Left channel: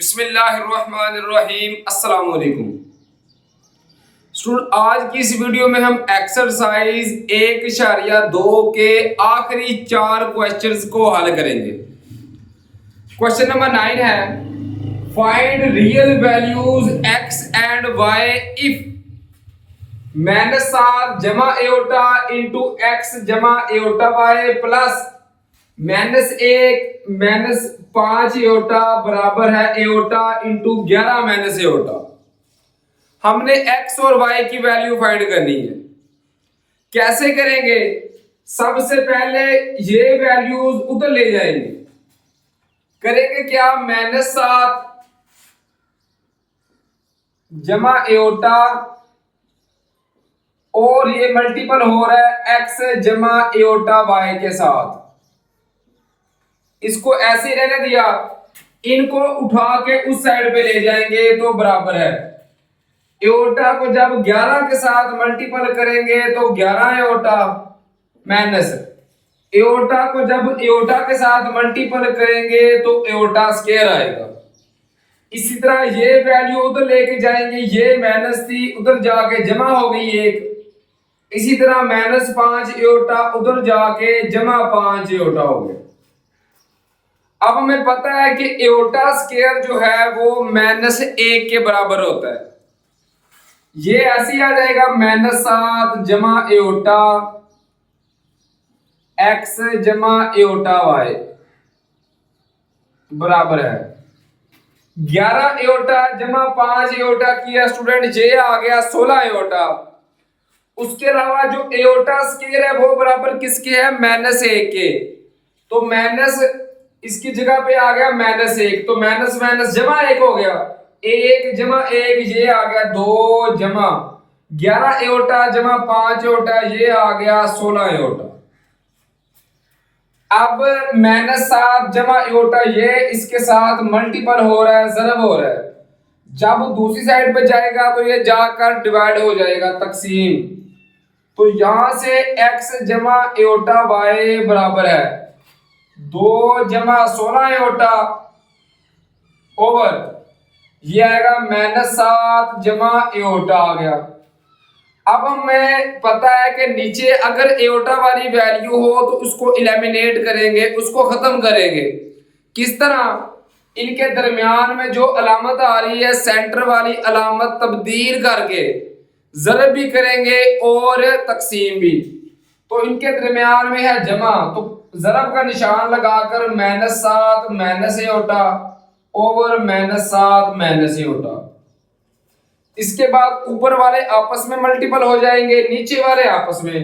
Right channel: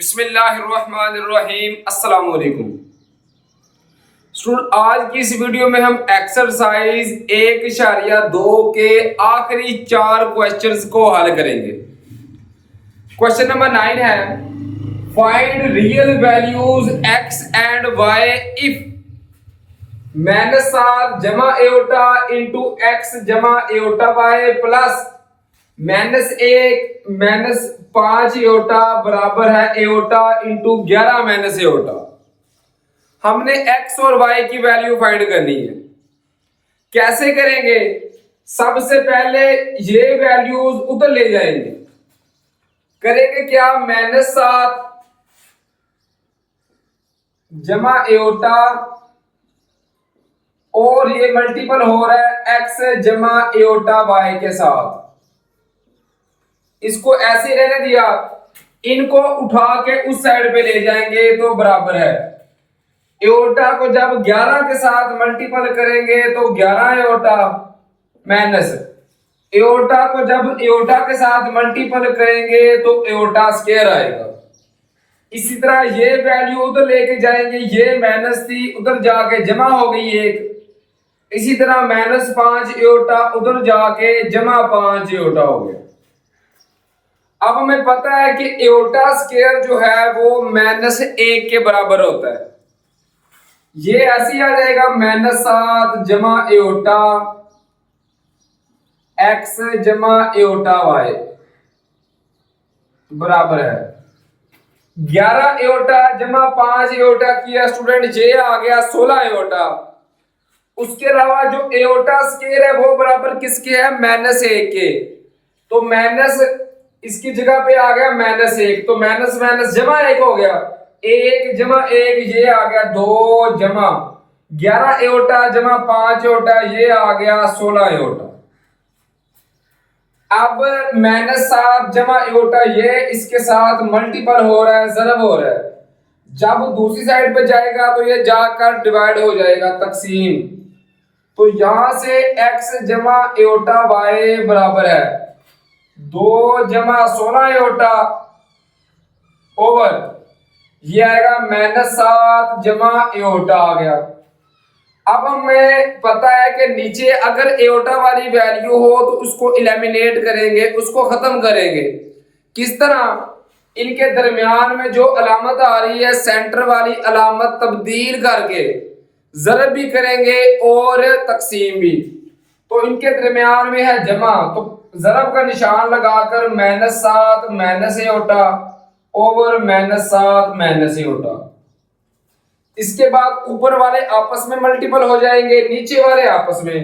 बिस्मिल्लाहिर्रहमानिर्रहीम अस्सलाम वालेकुम स्टूडेंट। आज की इस वीडियो में हम एक्सरसाइज 1.2 के आखिरी 4 क्वेश्चंस को हल करेंगे। क्वेश्चन नंबर 9 है find real values x and y if -7 जमा एओटा इंटू x जमा एओटा y प्लस -1 -5 एओटा बराबर है एओटा इंटू 11 माइनस एओटा। हमने x और y की वैल्यू फाइंड करनी है। कैसे करेंगे? सबसे पहले ये वैल्यूज उधर ले जाएंगे। करेंगे क्या? -7 जमा एओटा और ये मल्टीपल हो रहा है x जमा एओटा y के साथ। इसको ऐसे रहने दिया, इनको उठा के उस साइड पे ले जाएंगे तो बराबर है एओटा को जब 11 के साथ मल्टीपल करेंगे तो 11 एओटा माइनस एओटा को जब एओटा के साथ मल्टीपल करेंगे तो एओटा स्क्वायर आएगा। इसी तरह ये वैल्यू उधर लेके जाएंगे, ये माइनस थी उधर जाके जमा हो गई एक। इसी तरह -5 एओटा उधर जाके जमा 5 एओटा हो गया। अब हमें पता है कि एओटा स्क्वायर जो है वो -1 के बराबर होता है। ये ऐसे ही आ जाएगा -7 जमा एओटा x जमा एओटा y बराबर है 11 एओटा जमा 5 एओटा किया स्टूडेंट, ये आ गया 16 एओटा। उसके अलावा जो एओटा स्क्वायर है वो बराबर किसके है? -1 के। तो माइनस इसकी जगह पे आ गया -1, तो माइनस माइनस जमा 1 हो गया। 1 जमा 1 ये आ गया 2 जमा 11 एओटा जमा 5 एओटा ये आ गया 16 एओटा। अब -7 जमा एओटा ये इसके साथ मल्टीपल हो रहा है, ज़रब हो रहा है। जब दूसरी साइड पे जाएगा तो ये जाकर डिवाइड हो जाएगा, तकसीम। तो यहां से x जमा एओटा y बराबर है 2 जमा 16 एओटा ओवर ये आएगा -7 जमा एओटा आ गया। अब हमें पता है कि नीचे अगर एओटा वाली वैल्यू हो तो उसको एलिमिनेट करेंगे, उसको खत्म करेंगे। किस तरह? इनके दरमियान में जो अलामत आ रही है सेंटर वाली अलामत तब्दील करके ज़रब भी करेंगे और तकसीम भी। तो इनके दरमियान में है जमा, तो ज़रब का निशान लगाकर -7 minus aorta over -7 minus aorta. इसके बाद ऊपर वाले आपस में मल्टीपल हो जाएंगे, नीचे वाले आपस में।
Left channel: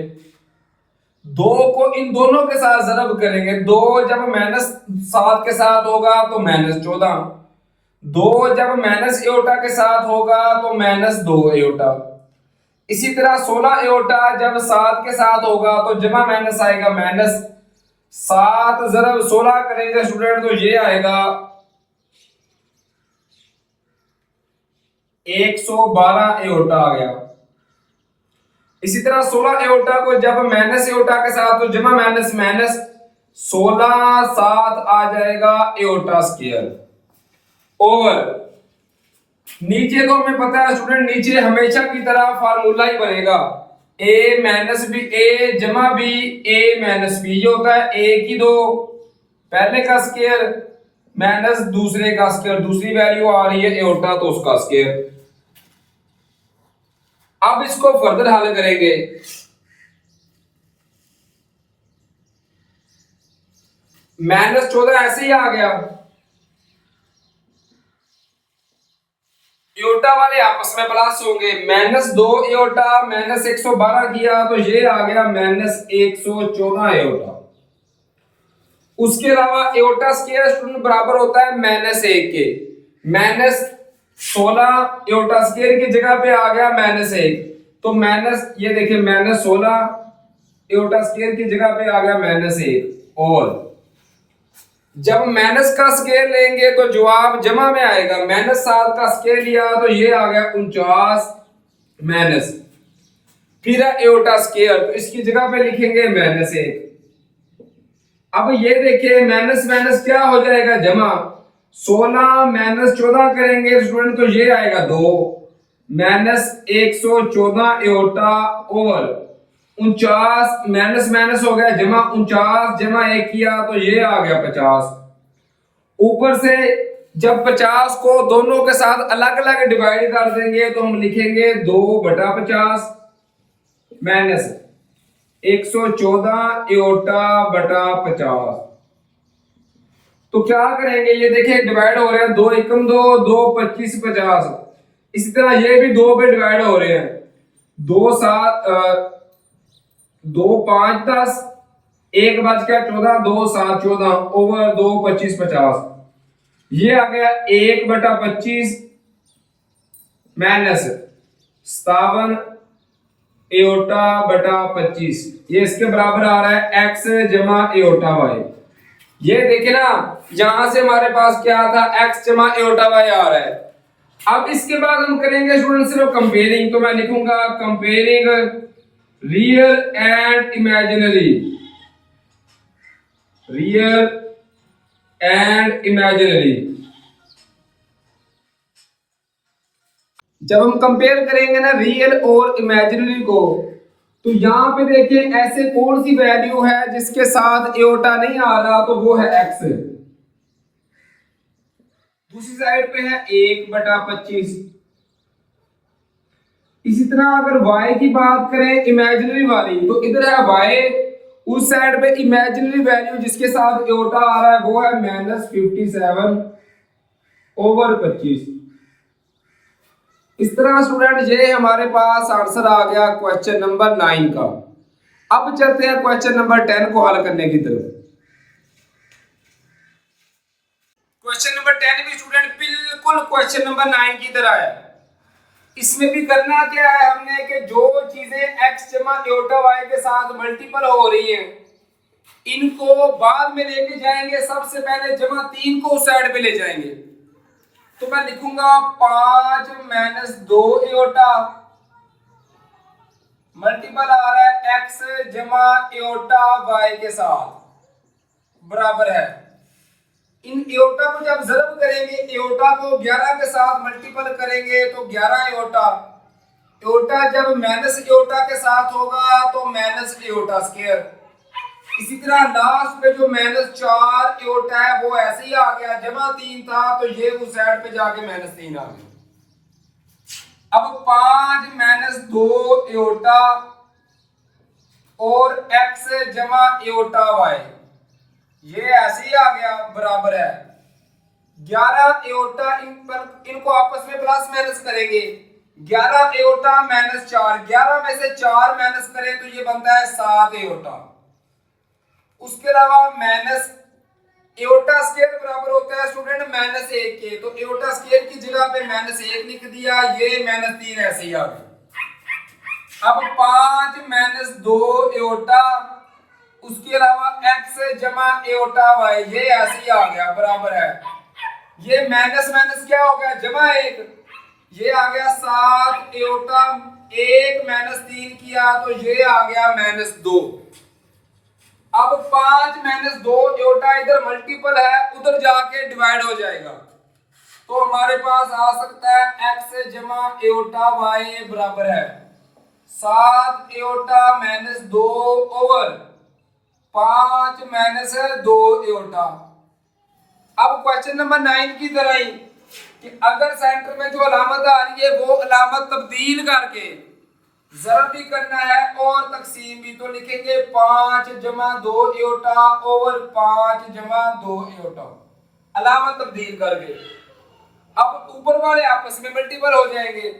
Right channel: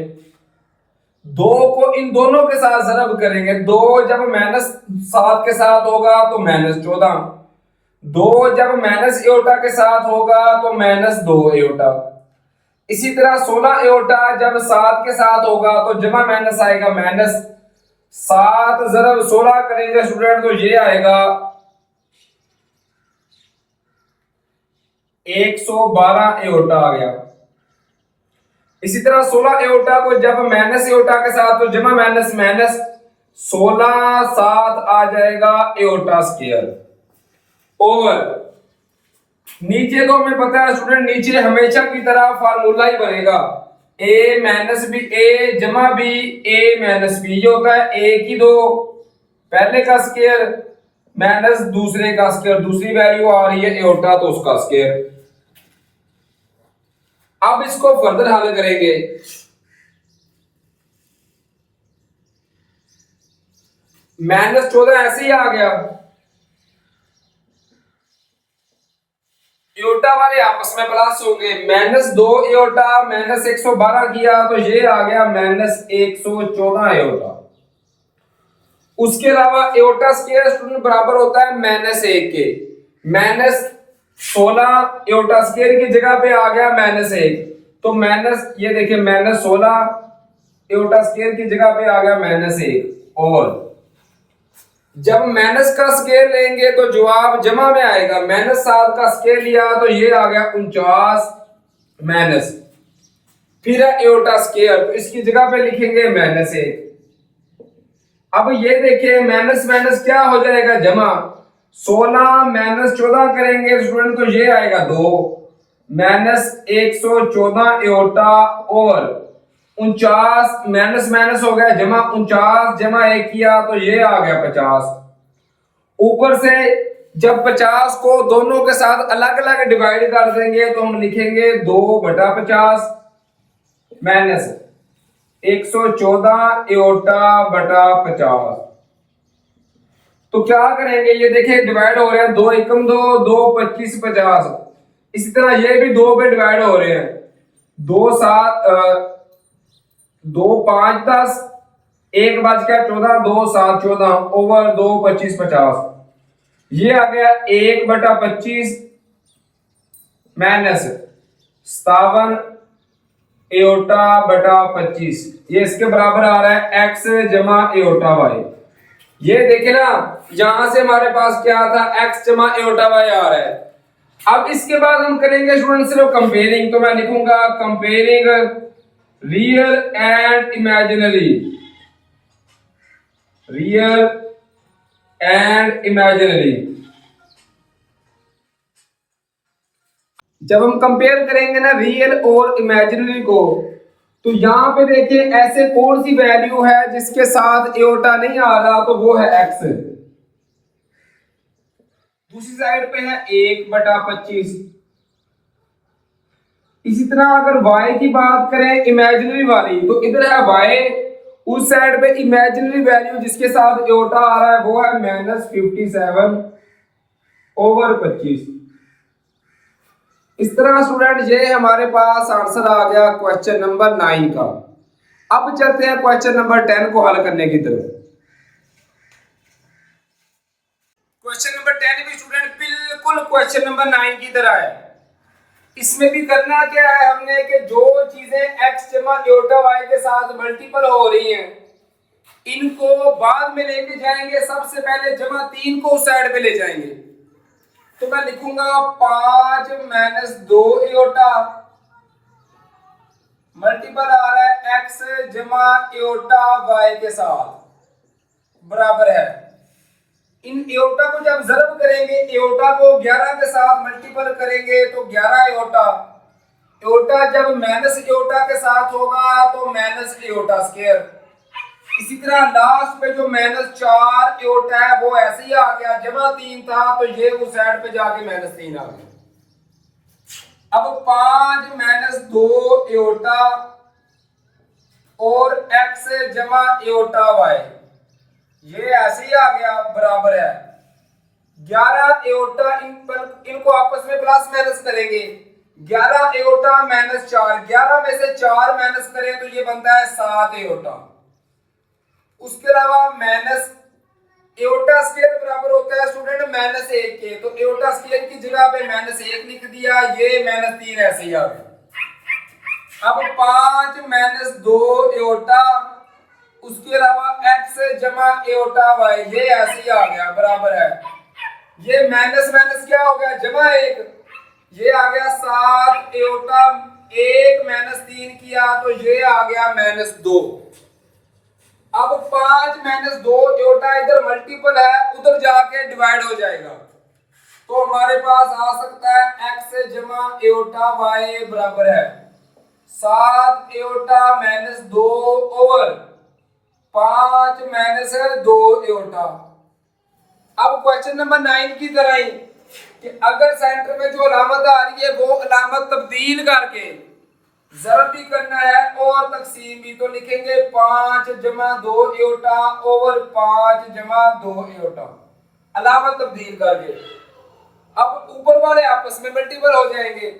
2 को इन दोनों के साथ ज़रब करेंगे। 2 जब -7 के साथ होगा तो -14, 2 जब माइनस एओटा के साथ होगा तो -2 एओटा। इसी तरह 16 एओटा जब 7 के साथ होगा तो जमा माइनस आएगा -7 ज़रब 16 करेंगे स्टूडेंट तो ये आएगा 112 एओटा आ गया। इसी तरह 16 एओटा को जब माइनस एओटा के साथ तो जमा माइनस 16 7 आ जाएगा एओटा स्क्वायर ओवर नीचे। तो हमें पता है स्टूडेंट नीचे हमेशा की तरह फार्मूला ही बनेगा a माइनस बी a जमा बी a माइनस बी। ये होता है a की 2 पहले का स्क्वायर माइनस दूसरे का स्क्वायर, दूसरी वैल्यू आ रही है एओटा तो उसका स्क्वायर। अब इसको फर्दर हल करेंगे। -14 ऐसे ही आ गया, एओटा वाले आपस में प्लस होंगे। -2 एओटा -112 किया तो ये आ गया -114 एओटा। उसके अलावा एओटा स्क्वायर स्टूडेंट बराबर होता है -1 के। -16 एओटा स्क्वायर की जगह पे आ गया -1, तो माइनस ये देखिए -16 एओटा स्क्वायर की जगह पे आ गया -1 और जब माइनस का स्क्वायर लेंगे तो जवाब जमा में आएगा। -7 का स्क्वायर लिया तो ये आ गया 49 माइनस फिर है एओटा स्क्वायर, तो इसकी जगह पे लिखेंगे -1। अब ये देखिए माइनस माइनस क्या हो जाएगा? जमा। 16 माइनस 14 करेंगे स्टूडेंट तो ये आएगा 2 minus 114 aorta over 49 minus minus हो गया जमा 49 जमा 1 किया तो ये आ गया 50। ऊपर से जब 50 को दोनों के साथ अलग अलग डिवाइड कर देंगे तो हम लिखेंगे 2/50 माइनस 114 एओटा बटा 50। तो क्या करेंगे ये देखिए डिवाइड हो रहे हैं 2 एकम 2 2 25 50। इसी तरह ये भी 2 पे डिवाइड हो रहे हैं 2 7 2 5 10 1 बच गया 14 2 7 14 ओवर 2 25 50। ये आ गया 1/25 माइनस 57 एओटा बटा 25। ये इसके बराबर आ रहा है x जमा एओटा y। ये देखे ना यहां से हमारे पास क्या था x जमा एओटा y आ रहा है। अब इसके बाद हम करेंगे स्टूडेंट सिर्फ कंपेयरिंग। तो मैं लिखूंगा comparing real and imaginary, real and imaginary. जब हम कंपेयर करेंगे ना रियल और इमेजिनरी को तो यहां पे देखिए ऐसे कौन सी वैल्यू है जिसके साथ एओटा नहीं आ रहा तो वो है x। दूसरी साइड पे है 1/25। इसी तरह अगर y की बात करें इमेजिनरी वाली तो इधर है y, उस साइड पे इमेजिनरी वैल्यू जिसके साथ एओटा आ रहा है वो है -57 ओवर 25। इस तरह स्टूडेंट ये हमारे पास आंसर आ गया क्वेश्चन नंबर 9 का। अब चलते हैं क्वेश्चन नंबर 10 को हल करने की तरफ। क्वेश्चन नंबर 10 भी स्टूडेंट बिल्कुल क्वेश्चन नंबर 9 की तरह है। इसमें भी करना क्या है हमने कि जो चीजें x जमा एओटा y के साथ मल्टीपल हो रही हैं इनको बाद में लेके जाएंगे। सबसे पहले जमा 3 को उस साइड पे ले जाएंगे। तो मैं लिखूंगा 5 माइनस 2 एओटा मल्टीपल आ रहा है x जमा एओटा y के साथ बराबर है। इन एओटा को जब ज़रब करेंगे एओटा को 11 के साथ मल्टीपल करेंगे तो 11 एओटा। एओटा जब माइनस एओटा के साथ होगा तो माइनस एओटा स्क्वायर। इसी तरह लास्ट पे जो -4 एओटा है वो ऐसे ही आ गया, जमा 3 था तो ये उस साइड पे जाके -3 आ गया। अब 5 माइनस 2 एओटा और x जमा एओटा y ये ऐसे ही आ गया बराबर है 11 एओटा। इनको आपस में प्लस माइनस करेंगे 11 एओटा -4, 11 में से 4 माइनस करें तो ये बनता है 7 एओटा। उसके अलावा माइनस एओटा स्क्वायर बराबर होता है स्टूडेंट -1 के, तो एओटा स्क्वायर की जगह पे -1 लिख दिया, ये -3 ऐसे ही आ गया। अब 5 माइनस 2 एओटा उसके अलावा x जमा एओटा y ये ऐसे ही आ गया बराबर है। ये माइनस माइनस क्या हो गया जमा 1, ये आ गया 7 एओटा। 1 -3 किया तो ये आ गया -2। अब 5 माइनस 2 एओटा इधर मल्टीपल है उधर जाके डिवाइड हो जाएगा तो हमारे पास आ सकता है x जमा एओटा y बराबर है 7 एओटा -2 ओवर 5 माइनस 2 एओटा। अब क्वेश्चन नंबर 9 की तरह ही कि अगर सेंटर में जो अलामत आ रही है वो अलामत तब्दील करके ज़रब भी करना है और तकसीम भी, तो लिखेंगे 5 जमा 2 एओटा ओवर 5 जमा 2 एओटा अलामत तब्दील करके। अब ऊपर वाले आपस में मल्टीपल हो जाएंगे।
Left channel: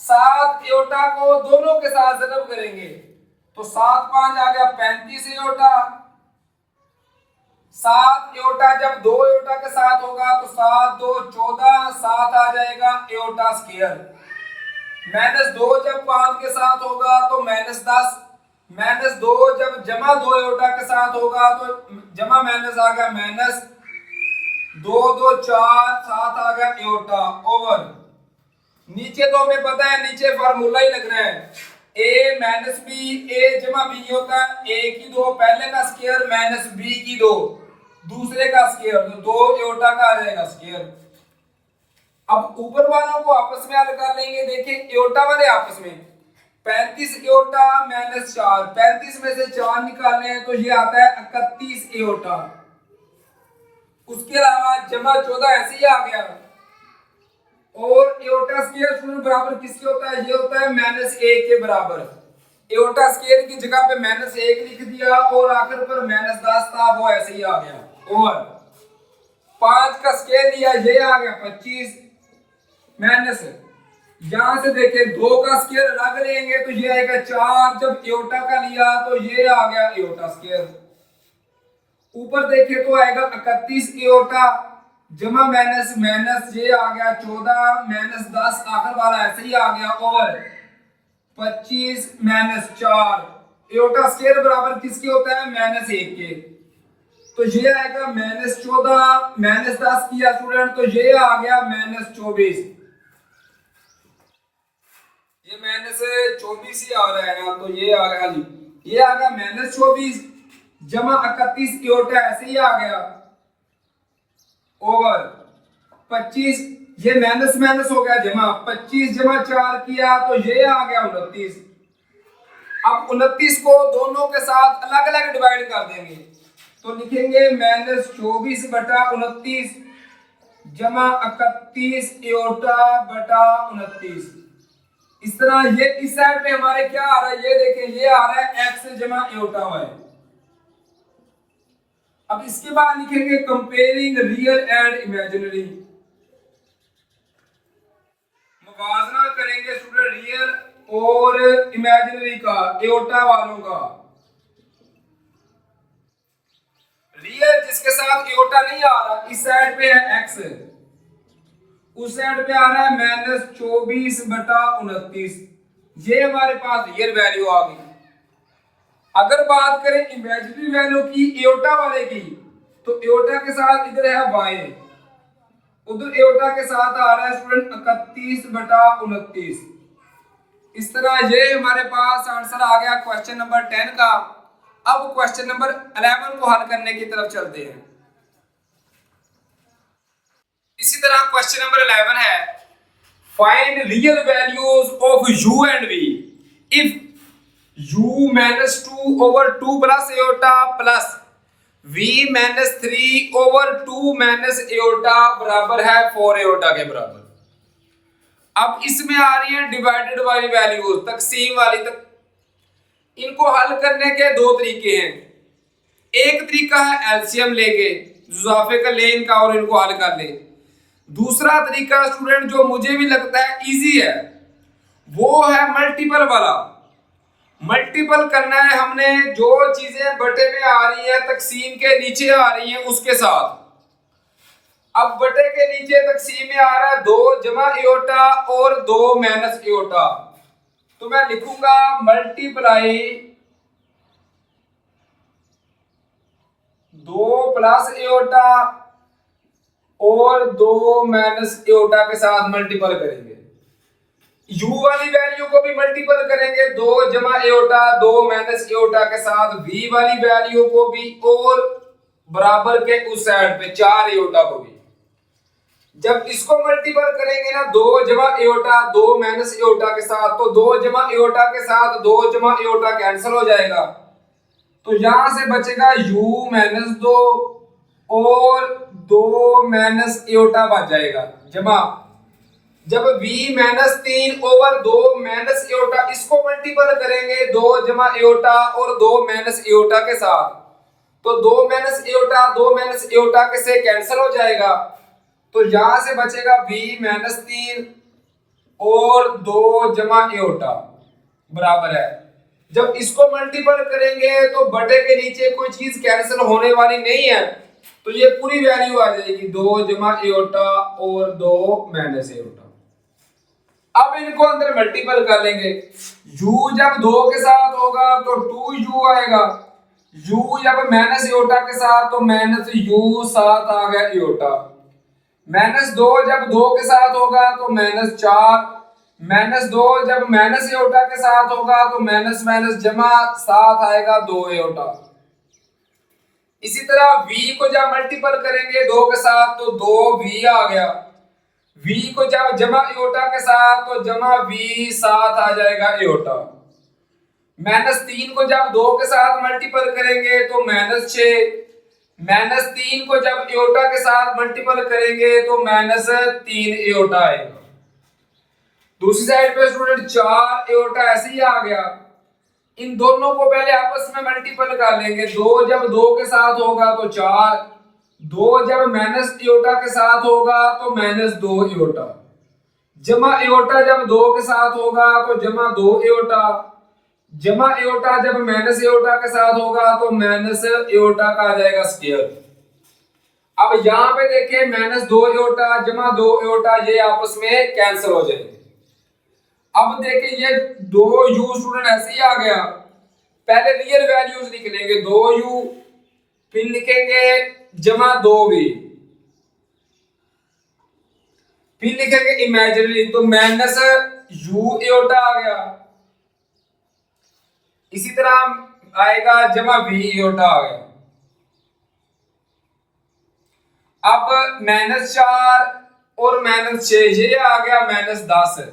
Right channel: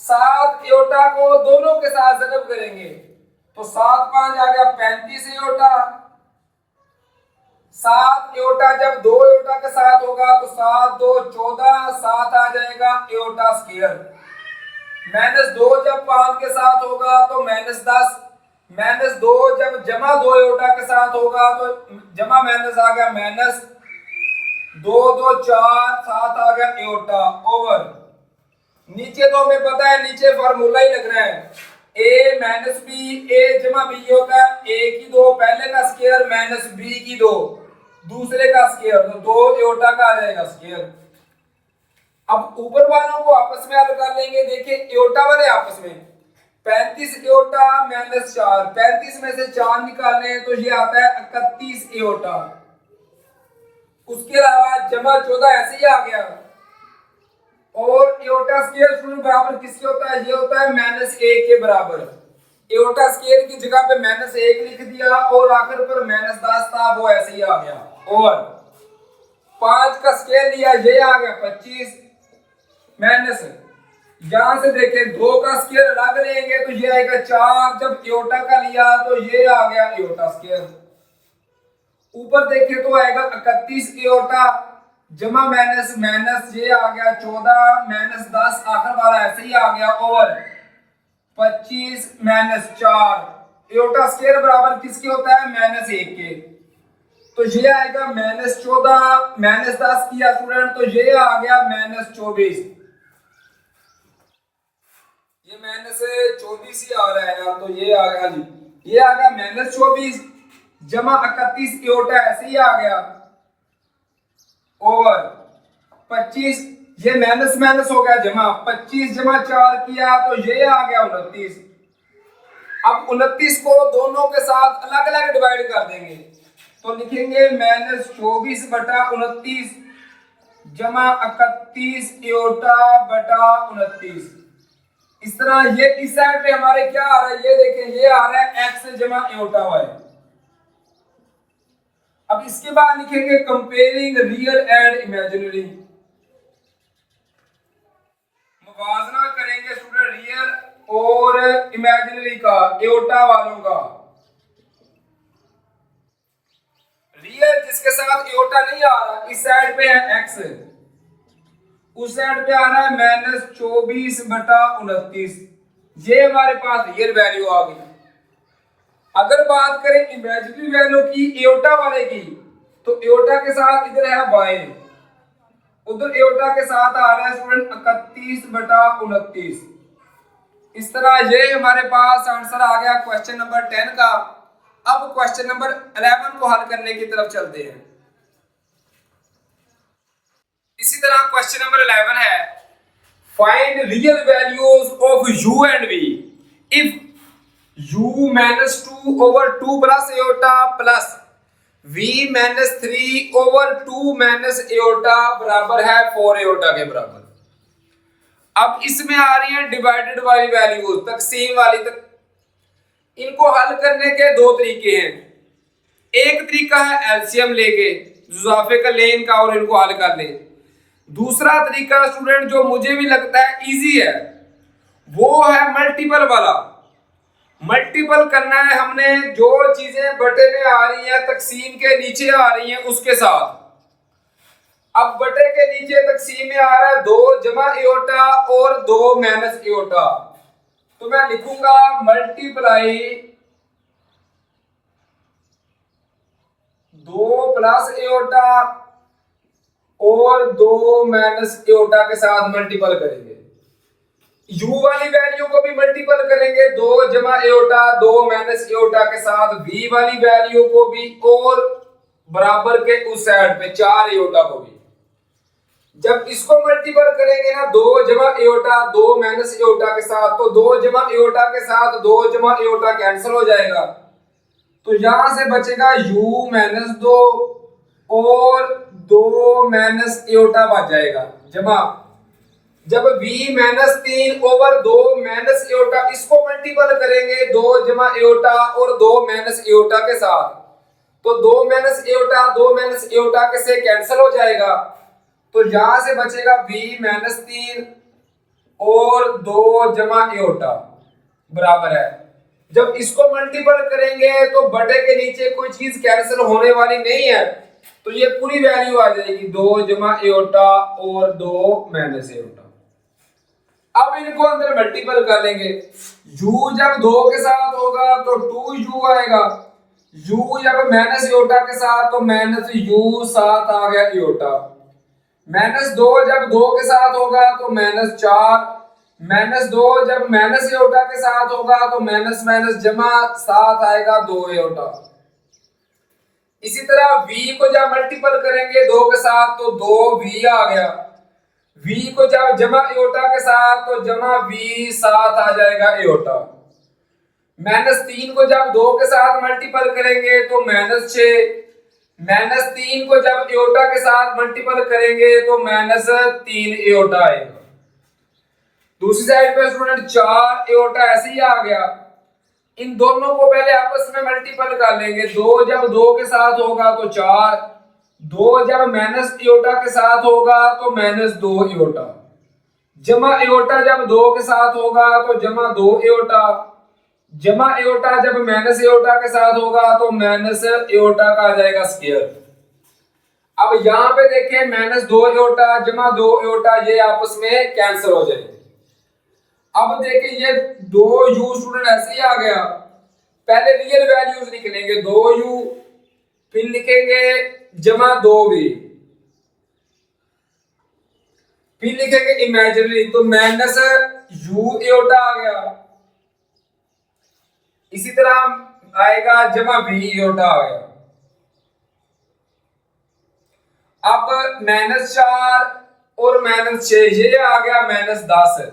7 एओटा को दोनों के साथ ज़रब करेंगे तो 7 5 आ गया 35 एओटा। 7 एओटा जब 2 एओटा के साथ होगा तो 7 2 14, 7 आ जाएगा एओटा स्क्वायर। -2 जब 5 के साथ होगा तो -10, -2 जब जमा 2 एओटा के साथ होगा तो जमा माइनस आ गया -2 2 4, 7 आ गया एओटा ओवर। नीचे तो हमें पता है नीचे फार्मूला ही लग रहा है a माइनस बी, a जमा बी होता है a की 2 पहले का स्क्वायर माइनस b की 2 दूसरे का स्क्वायर, तो 2 एओटा का आ जाएगा स्क्वायर। अब ऊपर वालों को आपस में हल कर लेंगे। देखिए एओटा वाले आपस में 35 एओटा माइनस 4, 35 में से 4 निकालने हैं तो ये आता है 31 एओटा। उसके अलावा जमा 14 ऐसे ही आ गया। और एओटा स्क्वायर शून्य बराबर किसके होता है? ये होता है -1 के बराबर। एओटा स्क्वायर की जगह पे -1 लिख दिया और आखिर पर -10 था, वो ऐसे ही आ गया। और 5 का स्क्वायर लिया, ये आ गया 25 माइनस, यहां से देखें 2 का स्क्वायर अलग लेंगे तो ये आएगा 4। जब एओटा का लिया तो ये आ गया एओटा स्क्वायर। ऊपर देखें तो आएगा 31 एओटा जमा माइनस माइनस, ये आ गया 14 माइनस 10, आखिर वाला ऐसे ही आ गया। और 25 माइनस 4 एओटा स्क्वायर बराबर किसके होता है? -1 के। तो ये आएगा -14 माइनस 10 किया स्टूडेंट, तो ये आ गया -24। ये -24 ही आ रहा है ना, तो ये आ गया जी, ये आ गया -24 जमा 31 एओटा ऐसे ही आ गया। ओवर 25, ये माइनस माइनस हो गया जमा, 25 जमा 4 किया तो ये आ गया 29। अब 29 को दोनों के साथ अलग अलग डिवाइड कर देंगे तो लिखेंगे -24 बटा 29 जमा 31 एओटा बटा 29। इस तरह ये इस साइड पे हमारे क्या आ रहा है? ये देखें, ये आ रहा है x जमा एओटा y। अब इसके बाद लिखेंगे कंपेयरिंग रियल एंड इमेजिनरी। मुवाजना करेंगे स्टूडेंट रियल और इमेजिनरी का, एओटा वालों का। रियल जिसके साथ एओटा नहीं आ रहा, इस साइड पे है x, उस साइड पे आ रहा है -24 बटा 29। ये हमारे पास रियल वैल्यू आ गई। अगर बात करें इमेजिनरी वैल्यू की एओटा वाले की, तो एओटा के साथ इधर है y, उधर एओटा के साथ आ रहा है स्टूडेंट 31 बटा 29। इस तरह ये हमारे पास आंसर आ गया क्वेश्चन नंबर 10 का। अब क्वेश्चन नंबर 11 को हल करने की तरफ चलते हैं। इसी तरह क्वेश्चन नंबर 11 है, find real values of u and v if u -2 over 2 plus aorta plus v -3 over 2 minus aorta बराबर है 4 एओटा के बराबर। अब इसमें आ रही है डिवाइडेड वाली वैल्यूज, तकसीम वाली तक। इनको हल करने के दो तरीके हैं। एक तरीका है एलसीएम लेके, जुजाफे का ले इनका और इनको हल कर ले। दूसरा तरीका स्टूडेंट जो मुझे भी लगता है इजी है, वो है मल्टीपल वाला। मल्टीपल करना है हमने जो चीजें बटे में आ रही है तकसीम के नीचे आ रही हैं उसके साथ। अब बटे के नीचे तकसीम में आ रहा है 2 जमा एओटा और 2 माइनस एओटा, तो मैं लिखूंगा मल्टीप्लाई 2 प्लस एओटा और 2 माइनस एओटा के साथ मल्टीपल करेंगे। u वाली वैल्यू को भी मल्टीपल करेंगे 2 जमा एओटा 2 माइनस एओटा के साथ, v वाली वैल्यू को भी और बराबर के उस साइड पे 4 एओटा को भी। जब इसको मल्टीपल करेंगे ना 2 जमा एओटा 2 माइनस एओटा के साथ, तो 2 जमा एओटा के साथ 2 जमा एओटा कैंसिल हो जाएगा, तो यहां से बचेगा u माइनस 2 और 2 माइनस एओटा बच जाएगा जमा। जब v -3 ओवर 2 माइनस एओटा, इसको मल्टीपल करेंगे 2 जमा एओटा और 2 माइनस एओटा के साथ, तो 2 माइनस एओटा 2 माइनस एओटा के से कैंसिल हो जाएगा, तो यहां से बचेगा v -3 और 2 जमा एओटा बराबर है। जब इसको मल्टीपल करेंगे तो बटे के नीचे कोई चीज कैंसिल होने वाली नहीं है, तो ये पूरी वैल्यू आ जाएगी 2 जमा एओटा और 2 माइनस एओटा। अब इनको अंदर मल्टीपल कर लेंगे। u जब 2 के साथ होगा तो 2u आएगा, u जब माइनस एओटा के साथ तो माइनस u, साथ आ गया एओटा। -2 जब 2 के साथ होगा तो -4, -2 जब माइनस एओटा के साथ होगा तो माइनस माइनस जमा, साथ आएगा 2 एओटा। इसी तरह v को जब मल्टीपल करेंगे 2 के साथ तो 2v आ गया, v को जब जमा एओटा के साथ तो जमा v साथ आ जाएगा एओटा। -3 को जब 2 के साथ मल्टीपल करेंगे तो -6, -3 को जब एओटा के साथ मल्टीपल करेंगे तो -3 एओटा आएगा। दूसरी साइड पे स्टूडेंट 4 एओटा ऐसे ही आ गया। इन दोनों को पहले आपस में मल्टीपल कर लेंगे, 2 जब 2 के साथ होगा तो 4, 2 जब माइनस एओटा के साथ होगा तो -2 एओटा, जमा एओटा जब 2 के साथ होगा तो जमा 2 एओटा, जमा एओटा जब माइनस एओटा के साथ होगा तो माइनस एओटा का आ जाएगा स्क्वायर। अब यहां पे देखें -2 एओटा जमा 2 एओटा ये आपस में कैंसिल हो जाएंगे। अब देखिए ये 2u स्टूडेंट ऐसे ही आ गया। पहले रियल वैल्यूज लिख लेंगे 2u, फिर लिखेंगे जमा 2v, फिर लिखेंगे इमेजिनरी तो -u एओटा आ गया। इसी तरह आएगा जमा v एओटा आ गया। अब -4 और -6 ये आ गया -10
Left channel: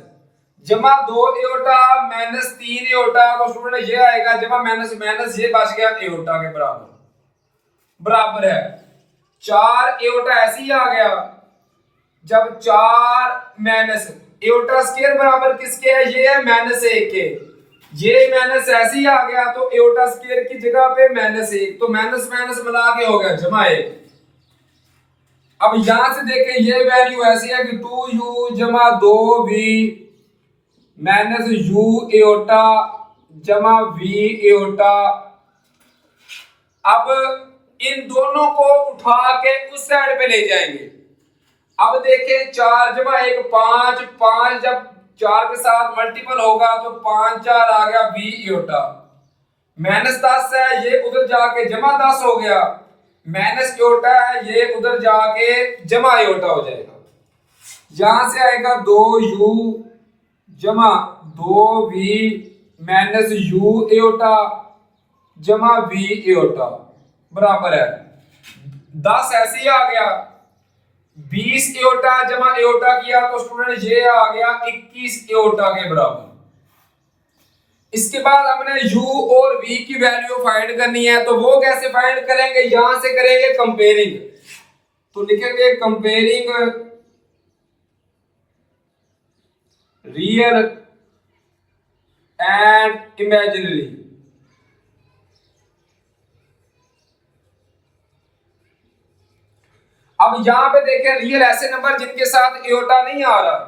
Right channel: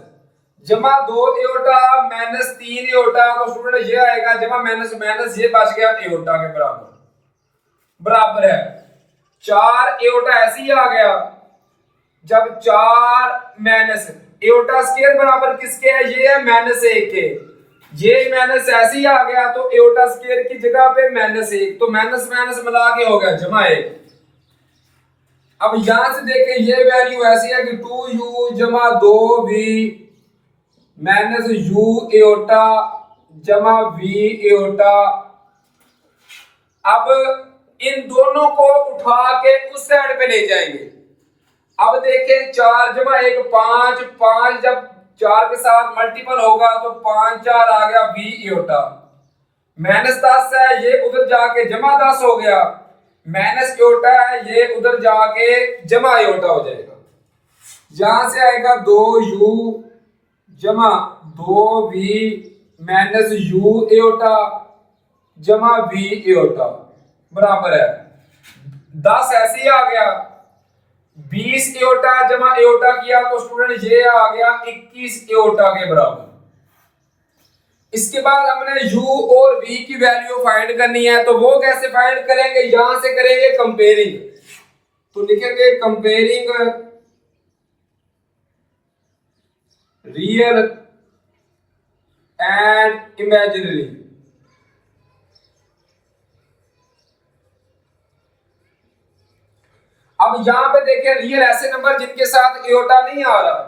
जमा 2 एओटा -3 एओटा तो स्टूडेंट ये आएगा जमा माइनस माइनस ये बच गया एओटा के बराबर है। 4 एओटा ऐसे ही आ गया। जब 4 माइनस एओटा स्क्वायर बराबर किसके है, ये है -1 के, ये माइनस ऐसे ही आ गया तो एओटा स्क्वायर की जगह पे -1 तो माइनस माइनस मिला के हो गया जमा 1। अब यहां से देखें ये वैल्यू ऐसी है कि 2u जमा 2v -u एओटा जमा v एओटा। अब इन दोनों को उठा के उस साइड पे ले जाएंगे। अब देखें 4 जमा 1 5, 5 जब 4 के साथ मल्टीपल होगा तो 5 4 आ गया v एओटा, -10 है ये उधर जाके जमा 10 हो गया, माइनस एओटा है ये उधर जाके जमा एओटा हो जाएगा। यहां से आएगा 2u जमा 2v -u एओटा जमा v एओटा बराबर है 10 ऐसे ही आ गया। 20 एओटा जमा एओटा किया तो स्टूडेंट ये आ गया 21 एओटा के बराबर। इसके बाद हमने u और v की वैल्यू फाइंड करनी है, तो वो कैसे फाइंड करेंगे, यहां से करेंगे कंपेयरिंग। तो लिखेंगे कंपेयरिंग रियल एंड इमेजिनरी। अब यहां पे देखें रियल ऐसे नंबर जिनके साथ एओटा नहीं आ रहा,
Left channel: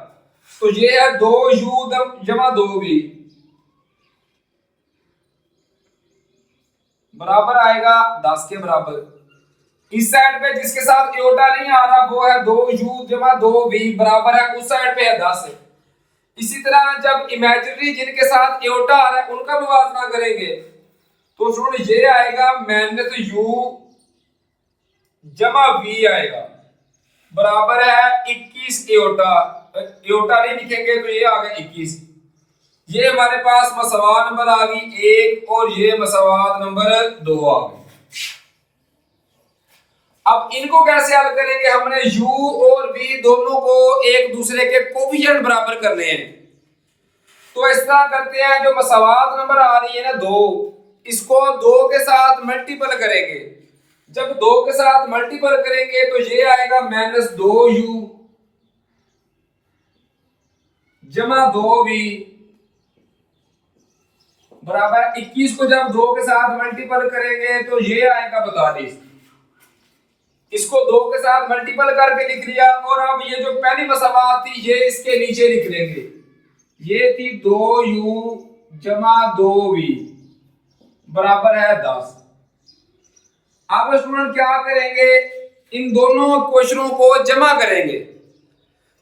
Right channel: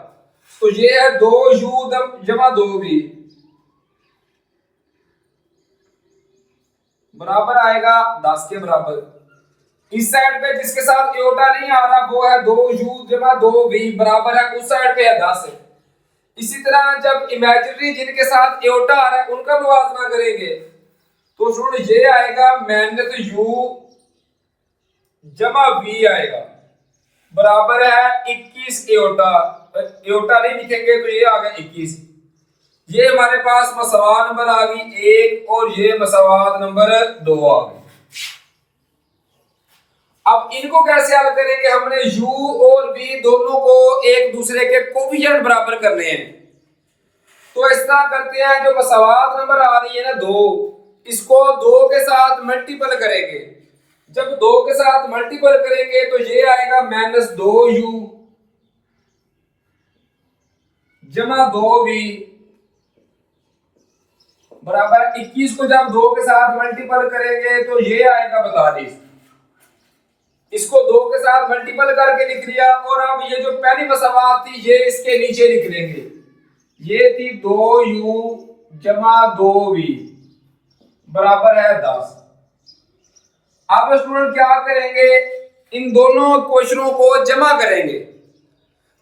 तो ये है 2u जमा 2v बराबर आएगा 10 के बराबर। इस साइड पे जिसके साथ एओटा नहीं आ रहा वो है 2u जमा 2v बराबर है उस साइड पे है 10। इसी तरह जब इमेजिनरी जिनके साथ एओटा आ रहा है उनका मुवाजना करेंगे तो सुन ये आएगा -u जमा v आएगा बराबर है 21 एओटा। एओटा नहीं लिखेंगे तो ये आ गया 21। ये हमारे पास मसवात नंबर आ गई 1 और ये मसवात नंबर 2 आ गई। अब इनको कैसे हल करेंगे, हमने u और v दोनों को एक दूसरे के कोफिशिएंट बराबर करने हैं। तो इस तरह करते हैं, जो मसवात नंबर आ रही है ना 2, इसको 2 के साथ मल्टीपल करेंगे। जब 2 के साथ मल्टीपल करेंगे तो ये आएगा -2u जमा 2v बराबर 21 को जब 2 के साथ मल्टीपल करेंगे तो ये आएगा 42। इसको 2 के साथ मल्टीपल करके लिख लिया। और अब ये जो पहली मसवात थी ये इसके नीचे लिख लेंगे। ये थी 2u जमा 2v बराबर है 10। अब स्टूडेंट क्या करेंगे, इन दोनों क्वेश्चनों को जमा करेंगे।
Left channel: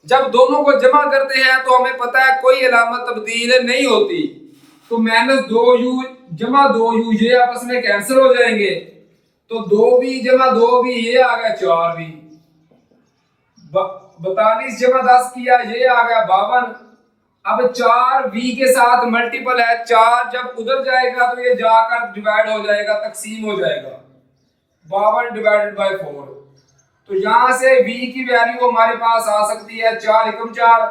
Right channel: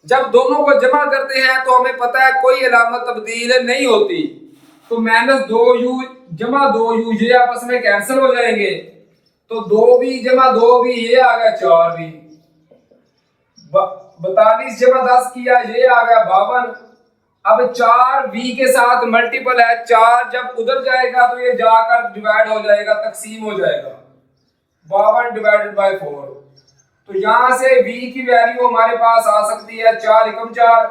जब दोनों को जमा करते हैं तो हमें पता है कोई अलामत तब्दील नहीं होती, तो -2u जमा 2u ये आपस में कैंसिल हो जाएंगे, तो 2v जमा 2v ये आ गया 4v, 42 जमा 10 किया ये आ गया 52। अब 4v के साथ मल्टीपल है, 4 जब उधर जाएगा तो ये जाकर डिवाइड हो जाएगा, तकसीम हो जाएगा। 52 डिवाइडेड बाय 4। तो यहां से v की वैल्यू हमारे पास आ सकती है 4 एकम 4,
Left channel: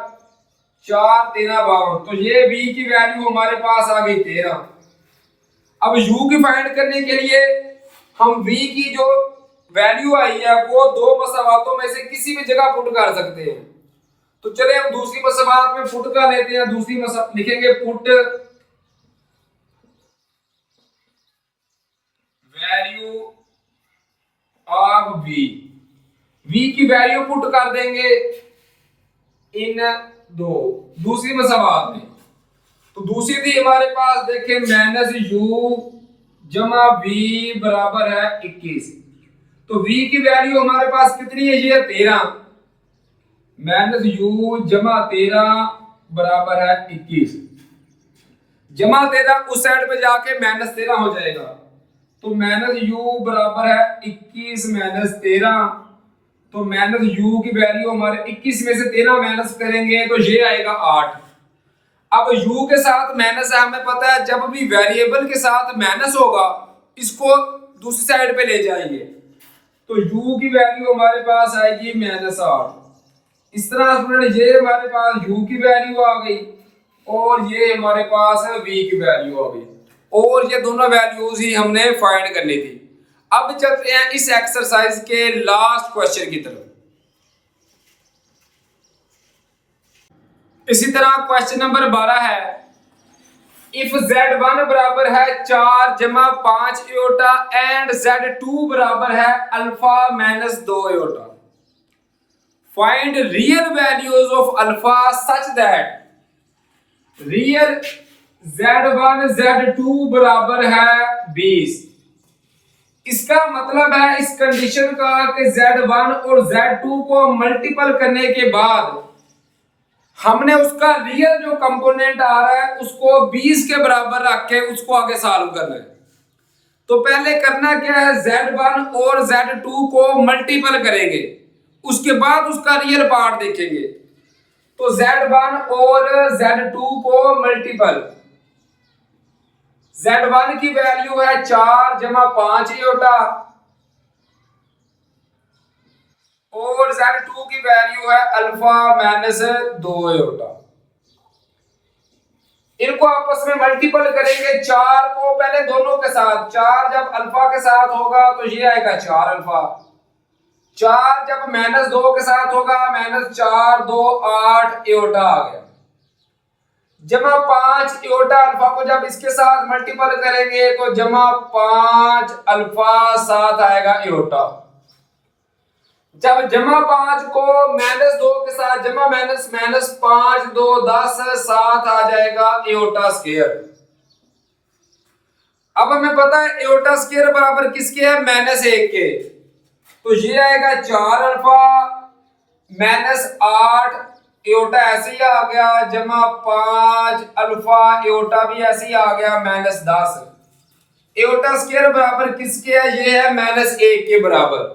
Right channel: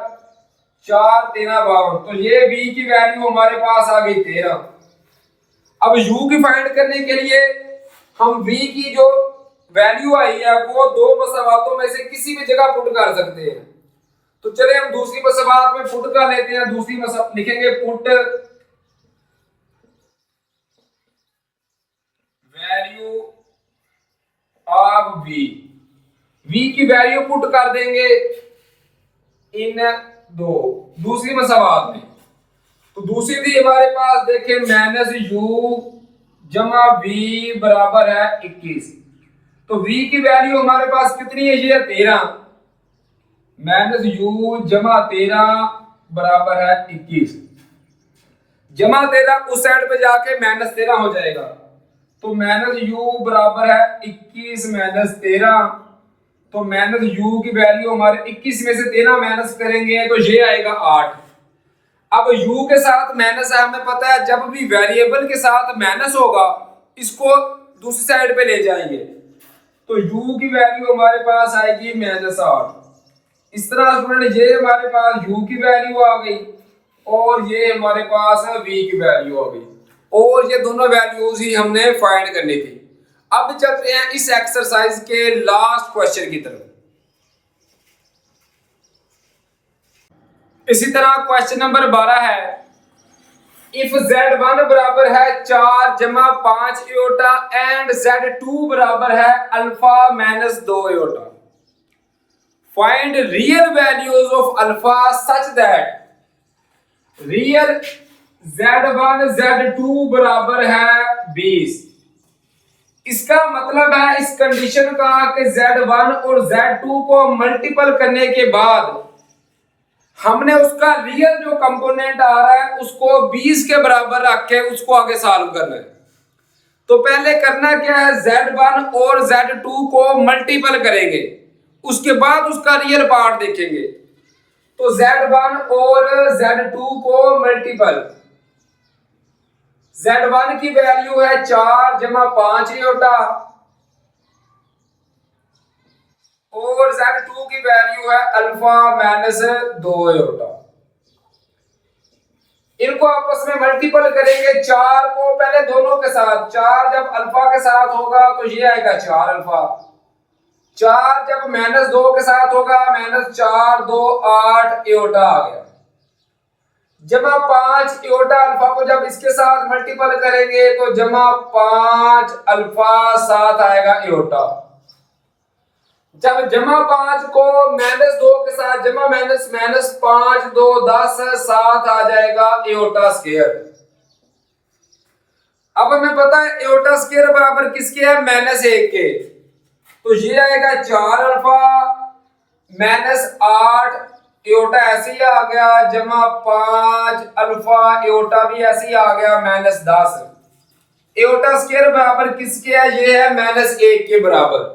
4 13 52। तो ये v की वैल्यू हमारे पास आ गई 13। अब u की फाइंड करने के लिए हम v की जो वैल्यू आई है वो दो मसावातों में से किसी भी जगह पुट कर सकते हैं। तो चले हम दूसरी मसावात में पुट कर लेते हैं। दूसरी मसावात लिखेंगे put value of v। v की वैल्यू पुट कर देंगे इन दूसरी मसावात में। तो दूसरी थी हमारे पास देखें -u जमा v बराबर है 21। तो v की वैल्यू हमारे पास कितनी है, ये 13। -u जमा 13 बराबर है 21। जमा 13 उस साइड पे जाके -13 हो जाएगा। तो -u बराबर है 21 -13। तो -u की वैल्यू हमारे 21 में से 13 माइनस करेंगे तो ये आएगा 8। अब u के साथ माइनस है, हमें पता है जब भी वेरिएबल के साथ माइनस होगा इसको दूसरी साइड पे ले जाएंगे। तो u की वैल्यू हमारे पास आएगी -8। इस तरह स्टूडेंट ये हमारे पास u की वैल्यू आ गई और ये हमारे पास है v की वैल्यू आ गई, और ये दोनों वैल्यूज ही हमने फाइंड करनी थी। अब चलते हैं इस एक्सरसाइज के लास्ट क्वेश्चन की तरफ। इसी तरह क्वेश्चन नंबर 12 है, इफ z1 बराबर है 4 जमा 5 इयोटा एंड z2 बराबर है alpha minus 2 iota, find real values of alpha such that real z1 z2 बराबर है 20। इसका मतलब है इस कंडीशन का कि z1 और z2 को मल्टीपल करने के बाद हमने उसका रियल जो कंपोनेंट आ रहा है उसको 20 के बराबर रख के उसको आगे सॉल्व करना है। तो पहले करना क्या है, z1 और z2 को मल्टीपल करेंगे, उसके बाद उसका रियल पार्ट देखेंगे। तो z1 और z2 को मल्टीपल, z1 की वैल्यू है 4 जमा 5 इयोटा और z2 की वैल्यू है अल्फा माइनस 2 इयोटा। इनको आपस में मल्टीपल करेंगे 4 को पहले दोनों के साथ, 4 जब अल्फा के साथ होगा तो ये आएगा 4 अल्फा, 4 जब -2 के साथ होगा -4 2 8 इयोटा आ गया, जमा 5 इयोटा अल्फा को जब इसके साथ मल्टीपल करेंगे तो जमा 5 अल्फा साथ आएगा इयोटा। जब जमा 5 को -2 के साथ जमा -5 2 10 7 आ जाएगा इयोटा स्क्वायर। अब हमें पता है इयोटा स्क्वायर बराबर किसके है, -1 के। तो ये आएगा 4 अल्फा -8 इयोटा ऐसे ही आ गया, जमा 5 अल्फा इयोटा भी ऐसे ही आ गया -10। इयोटा स्क्वायर बराबर किसके है, ये है -1 के बराबर।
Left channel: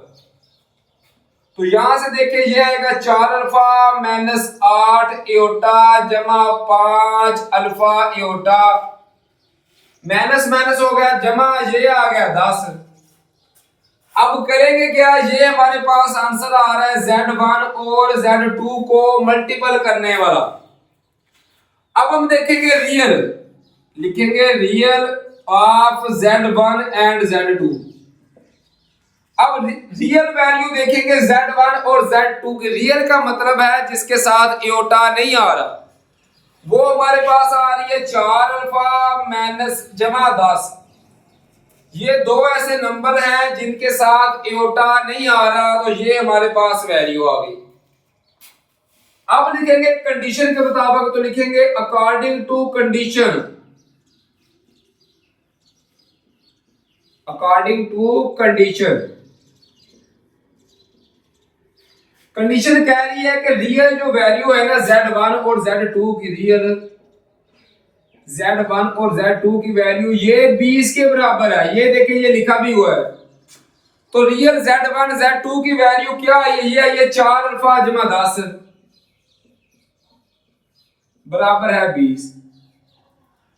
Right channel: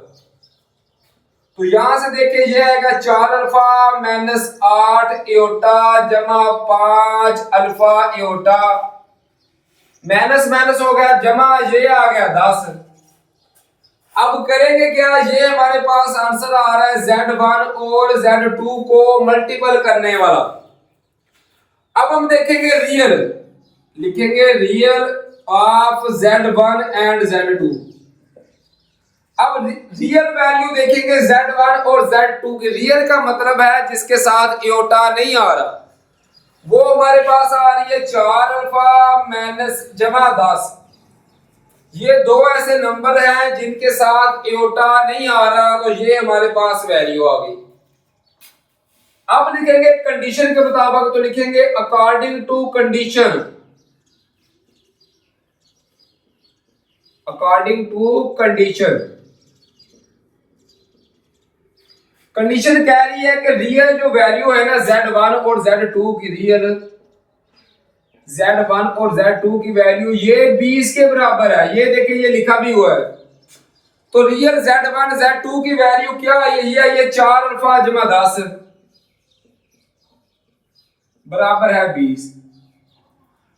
तो यहां से देखिए ये आएगा 4 अल्फा -8 इयोटा जमा 5 अल्फा इयोटा, माइनस माइनस हो गया, जमा ये आ गया 10। अब करेंगे क्या, ये हमारे पास आंसर आ रहा है z1 और z2 को मल्टीपल करने वाला। अब हम देखेंगे रियल, लिखेंगे real of z1 and z2। अब रियल वैल्यू देखेंगे z1 और z2 के। रियल का मतलब है जिसके साथ इयोटा नहीं आ रहा, वो हमारे पास आ रही है 4 अल्फा माइनस जमा 10। ये दो ऐसे नंबर हैं जिनके साथ इयोटा नहीं आ रहा, तो ये हमारे पास वैल्यू आ गई। अब लिखेंगे कंडीशन के मुताबिक, तो लिखेंगे according to condition, according to condition. Condition कह रही है कि रियल जो वैल्यू है ना z1 और z2 की, रियल z1 और z2 की वैल्यू ये 20 के बराबर है। ये देखिए ये लिखा भी हुआ है। तो रियल z1 z2 की वैल्यू क्या है, ये है 4 अल्फा जमा 10 बराबर है 20।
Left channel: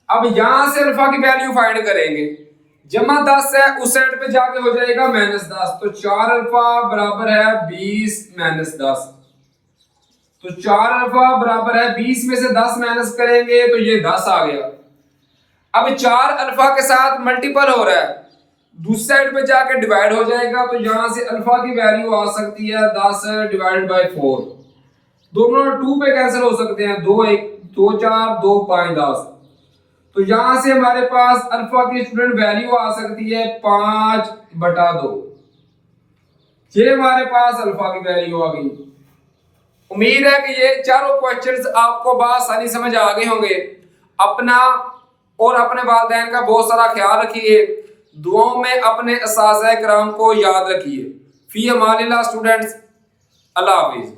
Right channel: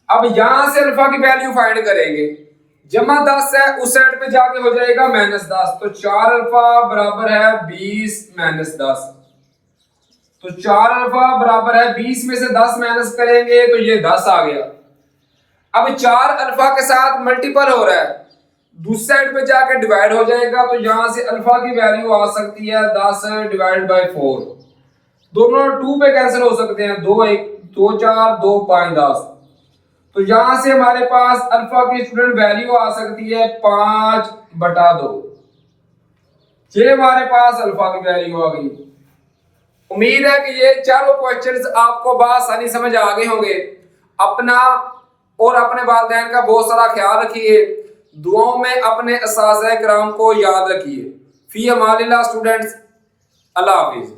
अब यहां से अल्फा की वैल्यू फाइंड करेंगे। जमा 10 है, उस साइड पे जाके हो जाएगा -10, तो 4 अल्फा बराबर है 20 - 10। तो 4 अल्फा बराबर है 20 में से 10 माइनस करेंगे तो ये 10 आ गया। अब 4 अल्फा के साथ मल्टीपल हो रहा है, दूसरी साइड पे जाकर डिवाइड हो जाएगा, तो यहां से अल्फा की वैल्यू आ सकती है 10 डिवाइड बाय 4। दोनों 2 पे कैंसिल हो सकते हैं, 2 1 2 4 2 5 10। तो यहां से हमारे पास अल्फा की स्टूडेंट वैल्यू आ सकती है 5/2। ये हमारे पास अल्फा की वैल्यू आ गई। उम्मीद है कि ये चारों क्वेश्चंस आपको बआसानी समझ आ गए होंगे। अपना और अपने वालिदैन का बहुत सारा ख्याल रखिए, दुआओं में अपने उस्ताद-ए-किराम को याद रखिए। फी अमानिल्लाह स्टूडेंट्स, अल्लाह हाफिज।